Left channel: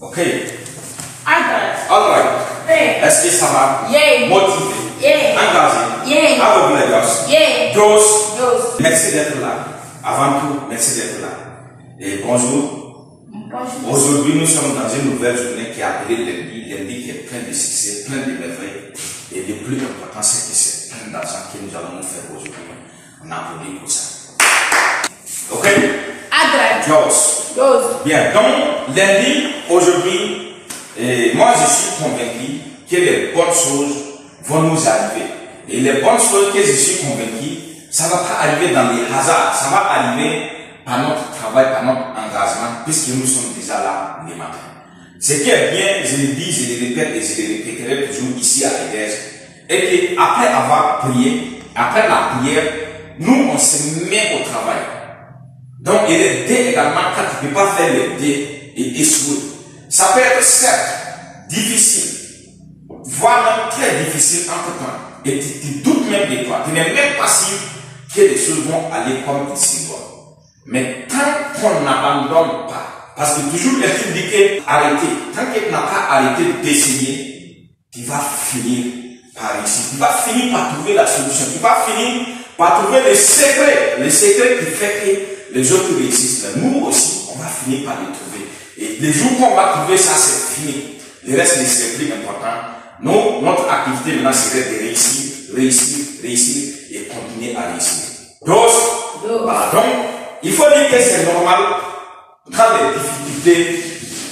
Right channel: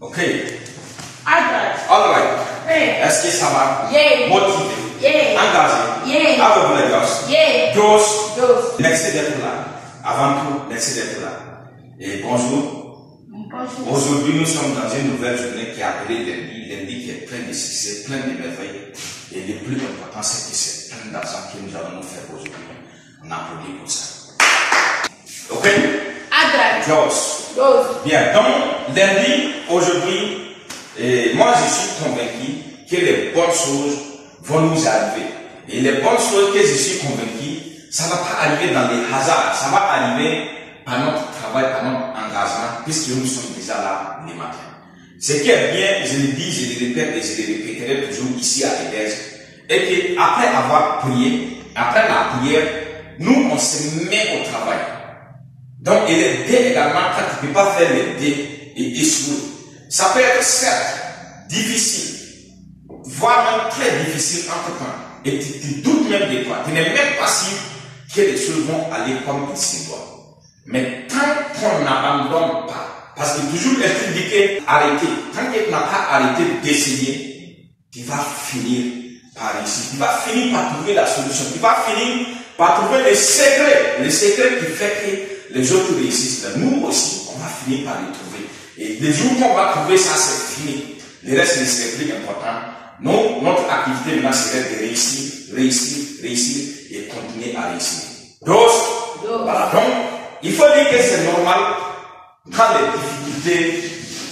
Ok. All right. Est-ce que ça va? Motivé. Engagé. Avec Dos. Merci d'être là. Avant tout, merci d'être là. Et bonjour. Aujourd'hui, nous sommes dans une nouvelle journée qui est appelée lundi. Lundi qui est plein de succès, plein de merveilles. Et le plus important, c'est que c'est plein d'argent que nous allons nous faire aujourd'hui. On applaudit pour ça. Ok? Dos. Bien, donc, lundi, aujourd'hui, moi je suis convaincu que les bonnes choses vont nous arriver. Et les bonnes choses que je suis convaincu, ça ne va pas arriver dans les hasards, ça va arriver par notre travail, par notre engagement, puisque nous sommes déjà là le matin. Ce qui est bien, je le dis, je le répète et je le répéterai toujours ici à l'Église, est qu'après avoir prié, après la prière, nous on se met au travail. Donc, et les dés également, quand tu ne peux pas faire les dés et échouer, ça peut être certes difficile, voire même très difficile entre temps. Et tu doutes même de toi. Tu n'es même pas sûr que les choses vont aller comme il se doit. Mais tant qu'on n'abandonne pas, parce que toujours est-il dit que arrêter, tant que tu n'as pas arrêté d'essayer, tu vas finir par réussir. Tu vas finir par trouver la solution. Tu vas finir par trouver le secret qui fait que les autres réussissent. Mais nous aussi, on va finir par les trouver. Et les jours qu'on va trouver ça, c'est fini. Le reste, c'est plus important. Non, notre activité maintenant serait de réussir et continuer à réussir. Voilà. Donc, il faut dire que c'est normal quand les difficultés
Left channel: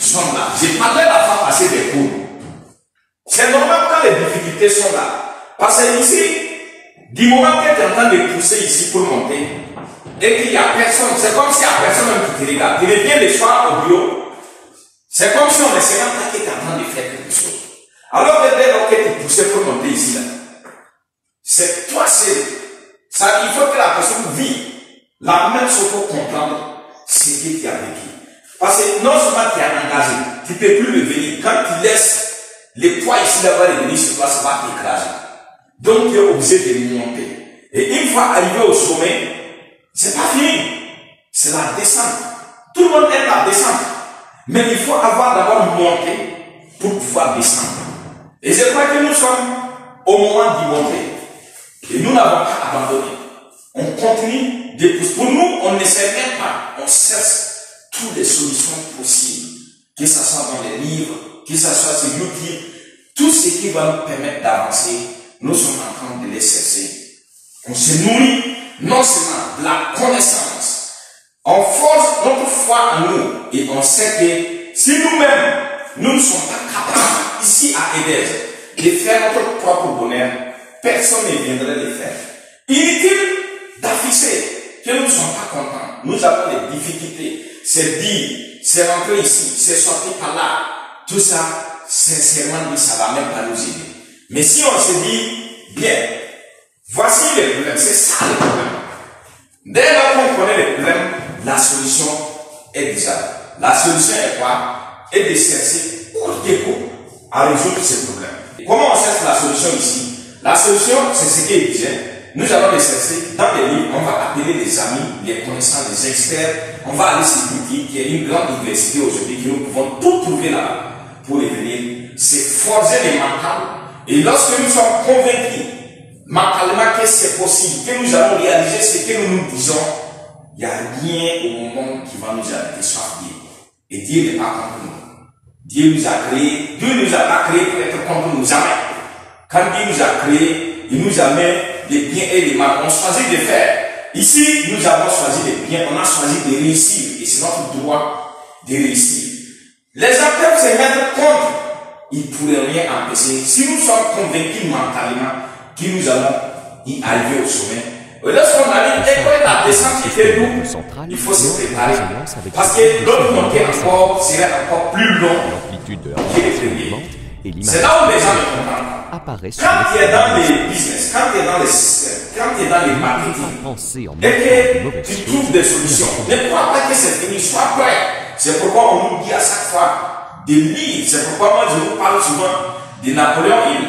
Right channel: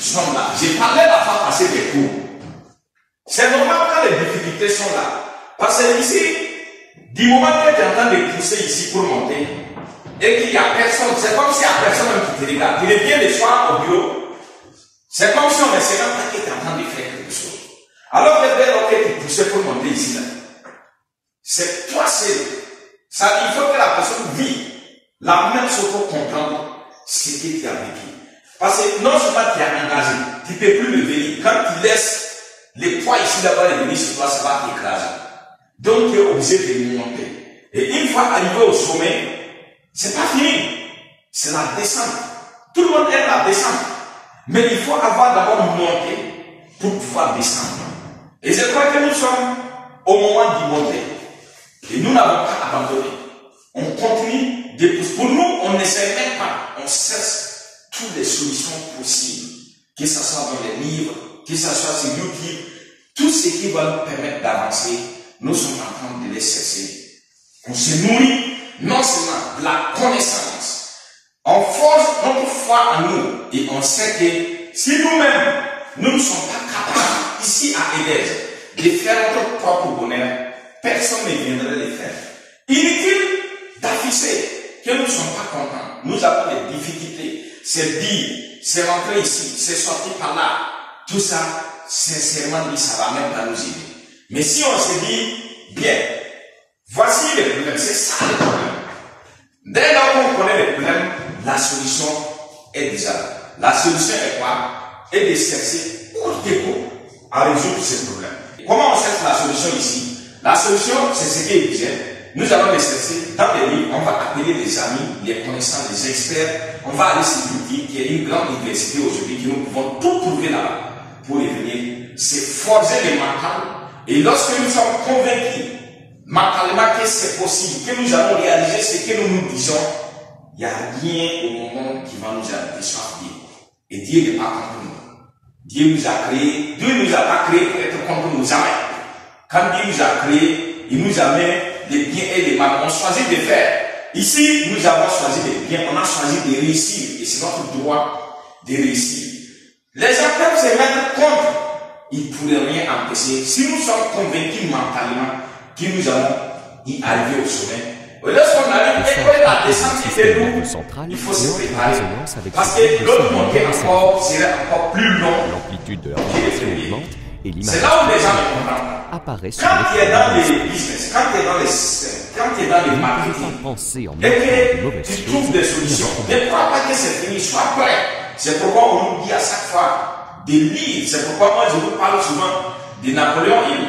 sont là. J'ai parlé la fois passée des cours. C'est normal quand les difficultés sont là. Parce que ici, du moment que tu es en train de pousser ici pour monter, et qu'il n'y a personne, c'est comme s'il n'y a personne qui te regarde. Tu reviens le soir au bureau, c'est comme si on ne sait même pas que tu es en train de faire quelque chose. Alors que dès lors que tu poussais pour monter ici, là, c'est toi seul. Ça, il faut que la personne vive la même chose pour comprendre ce que tu as vécu. Parce que non seulement tu es engagé, tu ne peux plus le venir. Quand tu laisses les poids ici là-bas et venir sur toi, ça va t'écraser. Donc tu es obligé de monter. Et une fois arrivé au sommet, c'est pas fini. C'est la descente. Tout le monde aime la descente. Mais il faut avoir d'abord monté pour pouvoir descendre. Et je crois que nous sommes au moment d'y monter. Et nous n'avons pas abandonné. On continue de pousser. Pour nous, on n'essaie même pas. On cherche toutes les solutions possibles. Que ce soit dans les livres, que ce soit sur YouTube, tout ce qui va nous permettre d'avancer, nous sommes en train de les chercher. On se nourrit non seulement de la connaissance, on force notre foi en nous et on sait que si nous-mêmes, nous ne sommes pas capables ici à Église de faire notre propre bonheur, personne ne viendrait le faire. Inutile d'afficher que nous ne sommes pas contents. Nous avons des difficultés. C'est dire, c'est rentrer ici, c'est sortir par là. Tout ça, sincèrement dit, ça va même pas nous aider. Mais si on se dit, bien, voici le problème, c'est ça le problème. Dès lors qu'on connaît le problème, la solution est déjà là. La solution est quoi? Est de chercher au dépôt à résoudre ce problème. Comment on cherche la solution ici? La solution, c'est ce qui est disait. Nous allons les chercher dans les livres, on va appeler les amis, les connaissants, les experts. On va aller sur YouTube, qui est une grande université aujourd'hui, que nous pouvons tout trouver là-bas pour venir se forger les mentales. Et lorsque nous sommes convaincus mentalement que c'est possible, que nous allons réaliser ce que nous nous disons, il n'y a rien au monde qui va nous arrêter, sauf Dieu. Et Dieu n'est pas contre nous. Dieu nous a créés, Dieu nous a pas créés pour être contre nous, jamais. Quand Dieu nous a créés, il nous a mis des biens et des mal. On choisit de faire. Ici, nous avons choisi des biens, on a choisi de réussir. Et c'est notre droit de réussir. Les gens peuvent se mettre contre. Ils ne pourraient rien empêcher. Si nous sommes convaincus mentalement que nous allons y arriver au sommet, et lorsqu'on arrive, et la descente qui fait lourd, il faut se préparer. Parce que l'autre montée encore serait encore plus long. L'amplitude de la vibration augmente et l'image c'est là où les gens ne comprennent pas. apparaît sur Quand tu es dans les les business, quand tu es dans les systèmes, quand tu es dans les marketing, penser en et même temps de que mauvaises tu choses, trouves des solutions, ne crois pas que c'est fini, sois prêt. C'est pourquoi on nous dit à chaque fois de lire. C'est pourquoi moi je vous parle souvent de Napoléon Hill.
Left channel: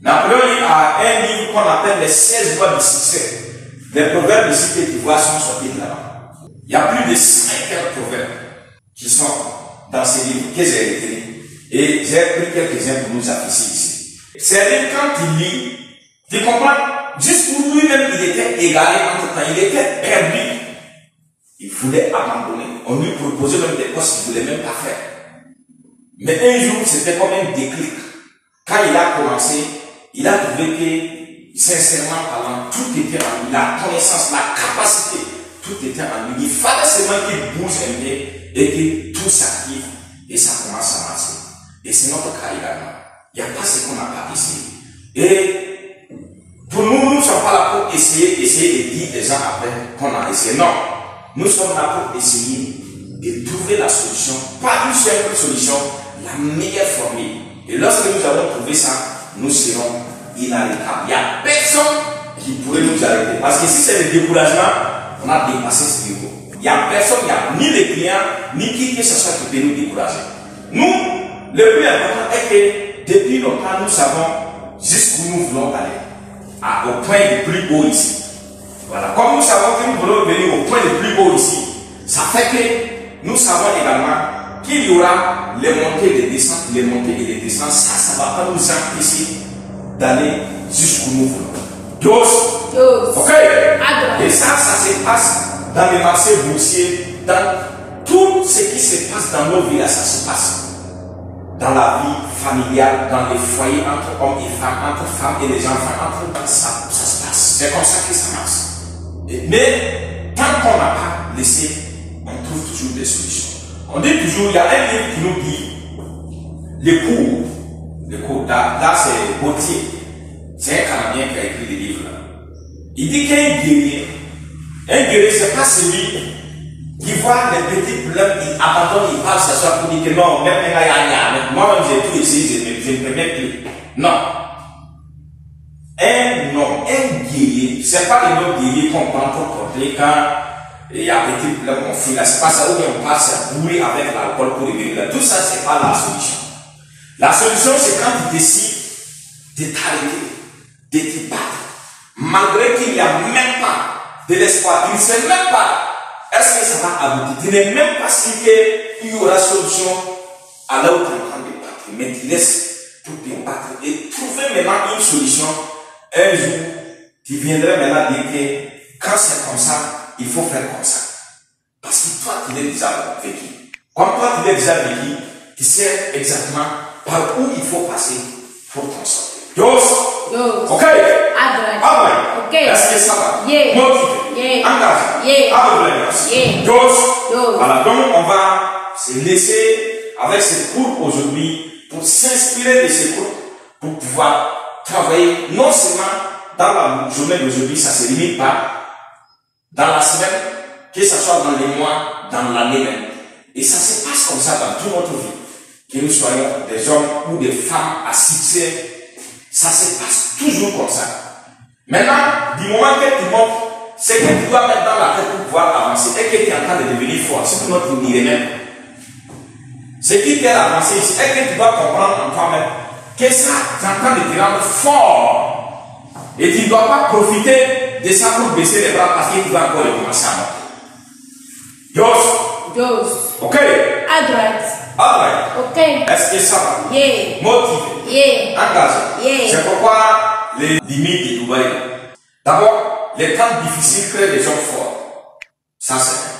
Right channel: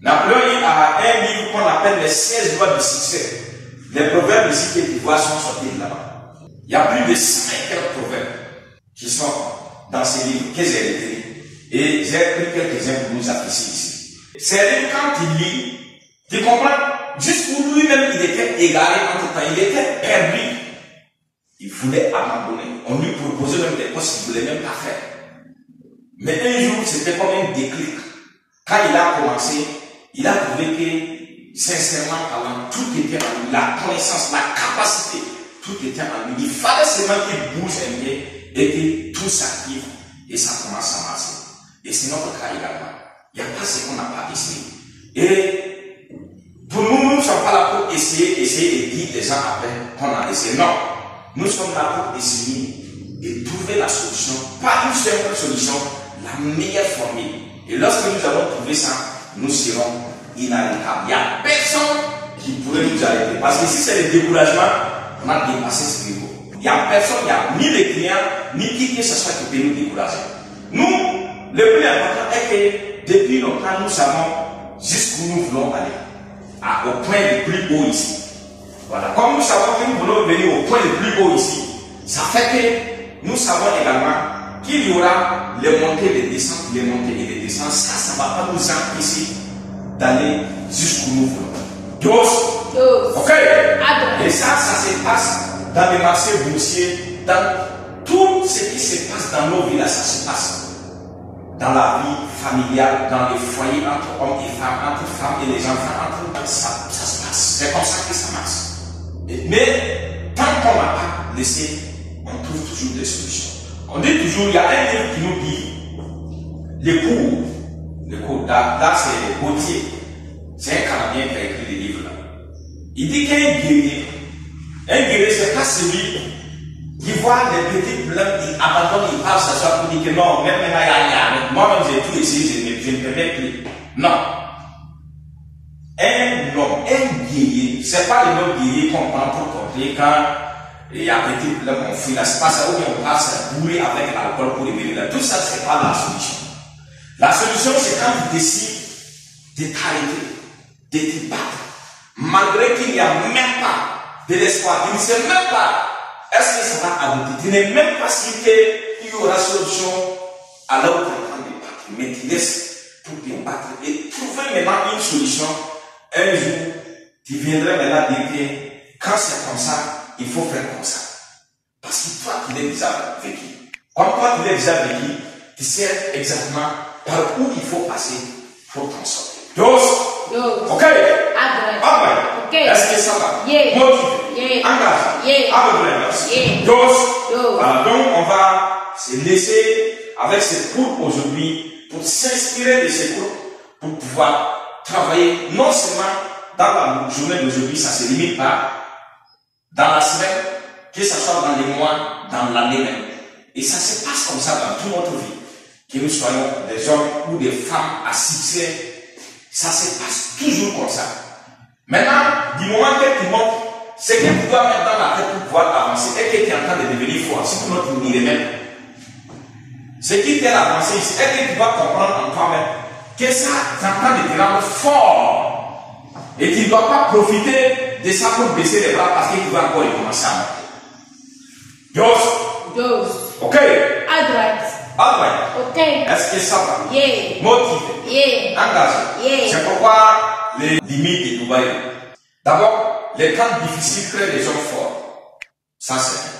Napoléon Hill a un livre qu'on appelle les 16 lois du succès. Les proverbes ici que tu vois sont sortis de là-bas. Il y a plus de 5 proverbes qui sont dans ces livres que j'ai retenus. Et j'ai pris quelques-uns pour nous apprécier ici. C'est livre, quand il lit, tu comprends, juste pour lui-même, il était égaré entre temps, il était perdu. Il voulait abandonner. On lui proposait même des postes qu'il ne voulait même pas faire. Mais un jour, c'était comme un déclic. Quand il a commencé, il a trouvé que, sincèrement parlant, tout était en lui. La connaissance, la capacité, tout était en lui. Il fallait seulement qu'il bouge un peu et que tout s'active et ça commence à marcher. Et c'est notre cas également. Il n'y a pas ce qu'on n'a pas essayé. Et pour nous, nous ne sommes pas là pour essayer et dire des gens après qu'on a essayé. Non. Nous sommes là pour essayer de trouver la solution, pas une seule solution, la meilleure formule. Et lorsque nous allons trouver ça, nous serons inarrêtables. Il n'y a personne qui pourrait nous arrêter. Parce que si c'est le découragement, on a dépassé ce niveau. Il n'y a personne, il n'y a ni les clients, ni qui que ce soit qui peut nous décourager. Nous, le plus important est que depuis longtemps, nous savons jusqu'où nous voulons aller. Au point le plus haut ici. Voilà. Comme nous savons que nous voulons venir au point le plus haut ici, ça fait que nous savons également qu'il y aura les montées et les descentes, les montées et les descentes. Ça ne va pas nous empêcher d'aller jusqu'où nous voulons. Dos. Ok. Et ça se passe dans les marchés boursiers, dans tout ce qui se passe dans nos villages, ça se passe. Dans la vie familiale, dans les foyers entre hommes et femmes, entre femmes et les enfants, ça se passe. C'est comme ça que ça marche. Mais tant qu'on n'a pas laissé, on trouve toujours des solutions. On dit toujours, il y a un livre qui nous dit les cours, là c'est Gauthier, c'est un Canadien qui a écrit les livres là. Il dit qu'un guerrier, c'est pas celui qui voit les petits problèmes, il abandonne, il parle, ça soit pour dire que non, même moi-même j'ai tout essayé, je ne peux même plus. Non. Un homme, un guerrier, c'est pas le nom guerrier qu'on prend pour porter quand il y a un petit problème, on fuit là, c'est pas ça où on passe à bourrer avec l'alcool pour revenir là. Tout ça, c'est pas la solution. La solution, c'est quand tu décides de t'arrêter, de te battre, malgré qu'il n'y a même pas de l'espoir, tu ne sais même pas est-ce que ça va aboutir, tu n'es même pas sûr qu'il y aura solution à là où tu es en train de battre, mais tu laisses pour te battre et trouver maintenant une solution. Un jour, tu viendrais maintenant dire que quand c'est comme ça, il faut faire comme ça. Parce que toi, tu l'as déjà vécu. Comme toi, tu l'as déjà vécu, tu sais exactement par où il faut passer pour t'en sortir. Dos. Ok. Ok. Est-ce que ça va? Yeah. Motivé. Engagé. Yeah. Dos. Voilà. Donc, on va se laisser avec ce cours aujourd'hui pour s'inspirer de ce cours pour pouvoir travailler non seulement dans la journée d'aujourd'hui, ça ne se limite pas, dans la semaine, que ce soit dans les mois, dans l'année même. Et ça se passe comme ça dans toute notre vie. Que nous soyons des hommes ou des femmes à succès, ça se passe toujours comme ça. Maintenant, du moment que tu montes, ce que tu dois mettre dans la tête pour pouvoir avancer et que tu es en train de devenir fort, sinon tu n'irais même. Ce qui t'est avancé ici, est que tu dois comprendre en toi-même que ça est en train de te rendre fort. Et tu ne dois pas profiter de ça pour baisser les bras parce que tu vas encore recommencer à monter. Dos. Ok. Alright. Ok. Est-ce que ça va? Yeah. Motivé. Yeah. Engagé. Yeah. C'est pourquoi les limites de Dubaï. D'abord, les temps difficiles créent les hommes forts. Ça c'est vrai.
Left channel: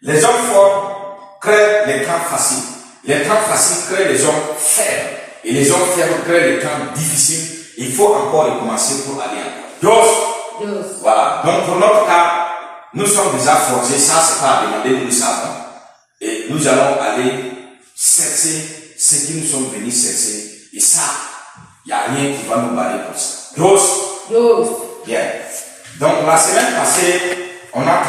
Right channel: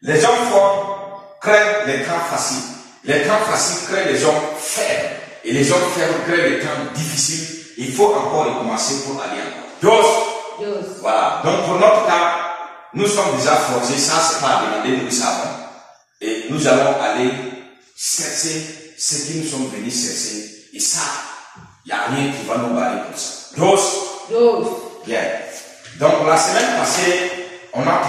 Les hommes forts créent les temps faciles. Les temps faciles créent les hommes faibles. Et les hommes faibles créent les temps difficiles. Il faut encore recommencer pour aller encore. Dos. Voilà. Donc pour notre cas, nous sommes déjà forgés. Ça, c'est pas à demander, nous savons. Et nous allons aller chercher ce que nous sommes venus chercher. Et ça, il n'y a rien qui va nous barrer pour ça. Dos. Bien. Donc la semaine passée, on a